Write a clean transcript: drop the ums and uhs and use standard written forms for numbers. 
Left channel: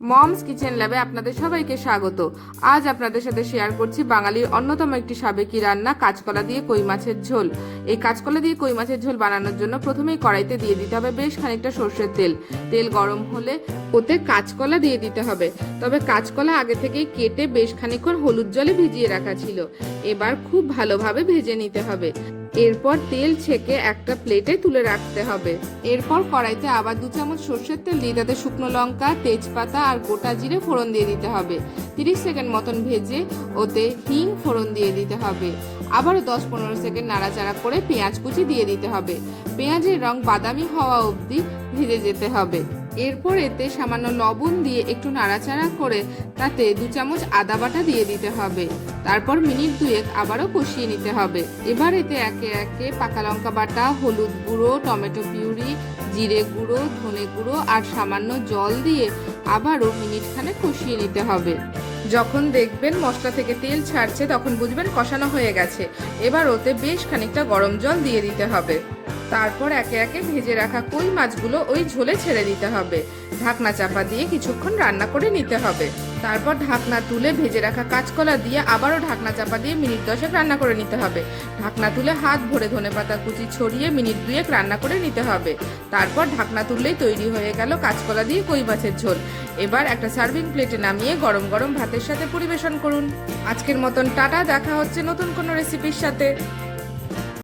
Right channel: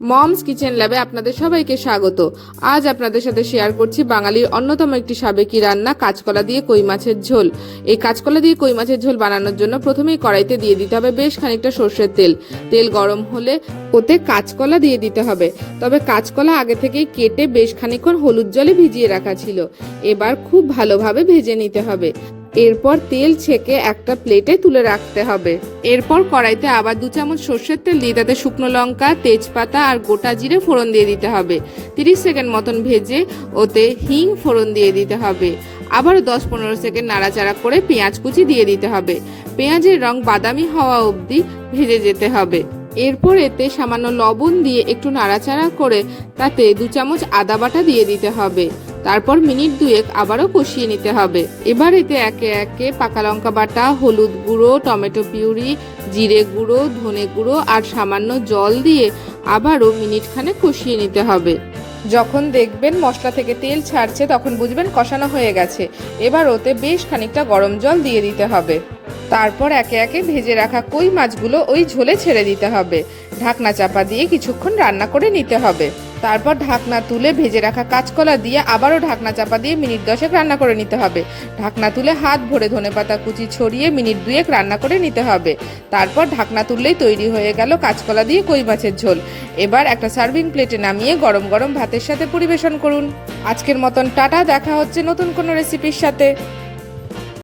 Moms kitchen ল্যাবে আপনাদের সবাইকে স্বাগত। আজ আপনাদের সাথে শেয়ার করছি বাঙালির অন্যতম একটি সাবেকি রান্না, কাঁচকলা দিয়ে কই মাছের ঝোল। এই কাঁচকলা দিয়ে কই মাছের ঝোল বানানোর জন্য প্রথমেই কড়াইতে দিয়ে দিতে হবে বেশ খানিকটা সর্ষের তেল। তেল গরম হলে ওতে কাঁচকলা দিয়ে দিতে হবে। তবে কাঁচকলা আগে থেকেই কেটে বেশ খানিকক্ষণ হলুদ জলে ভিজিয়ে রাখা ছিল। এবার খুব ভালোভাবে ভেজে নিতে হবে। এরপর তেল ছেঁকে একটা প্লেটে তুলে রাখতে হবে। এরপর কড়াইতে আবার 2 চামচ সর্ষের তেল দিয়ে তাতে শুকনো লঙ্কা, তেজপাতা আর গোটা জিরে ফোড়ন দিয়ে দিতে হবে। 30 সেকেন্ড মতন ভেজে ওতে হিং ফোড়ন দিয়ে দিতে হবে। আবারও 10-15 সেকেন্ড নাড়াচাড়া করে পেঁয়াজ কুচি দিয়ে দিতে হবে। পেঁয়াজের রং বাদামি হওয়া অবধি ভেজে যেতে হবে। এরপর এতে সামান্য লবণ দিয়ে একটু নাড়াচাড়া করে তাতে 2 চামচ আদা বাটা দিয়ে দিতে হবে। তারপর মিনিট 2 আবারও কষিয়ে নিতে হবে। এবার এতে একে একে পাকা লঙ্কা বাটা, হলুদ গুঁড়ো, টমেটো পিউরি, জিরে গুঁড়ো, ধনে গুঁড়ো আর সামান্য জল দিয়ে আবারও মিনিট খানেক কষিয়ে নিতে হবে। যখন দেখবেন মশলা থেকে তেল ছাড়ছে তখন বুঝবেন কষানো হয়ে গেছে। এবার ওতে বেশ খানিকটা গরম জল দিয়ে দিতে হবে। তারপর একে একে ভেজে রাখা কই মাছগুলো ওই ঝোলে ছেড়ে দিতে হবে। ঢাকনা চাপা দিয়ে কিছুক্ষণ রান্না করে নিতে হবে। তারপর ঢাকনা তুলে ভেজে রাখা কাঁচকলা দিয়ে আবারও ঢাকনা চাপা দিয়ে মিনিট 10 রান্না করে নিতে হবে। ঢাকনা তুলে হাত ভরে ধনেপাতা কুচি ছড়িয়ে মিনিট 2 রান্না করে নিতে হবে। তারপর ঢাকনা তুললেই তৈরি হয়ে গেল কাঁচকলা দিয়ে কই মাছের ঝোল। এবার একটা সার্ভিং প্লেটে নামিয়ে গরম গরম ভাতের সাথে পরিবেশন করুন। আজকের মতন টাটা, দেখা হচ্ছে নতুন কোনো রেসিপির সাথে।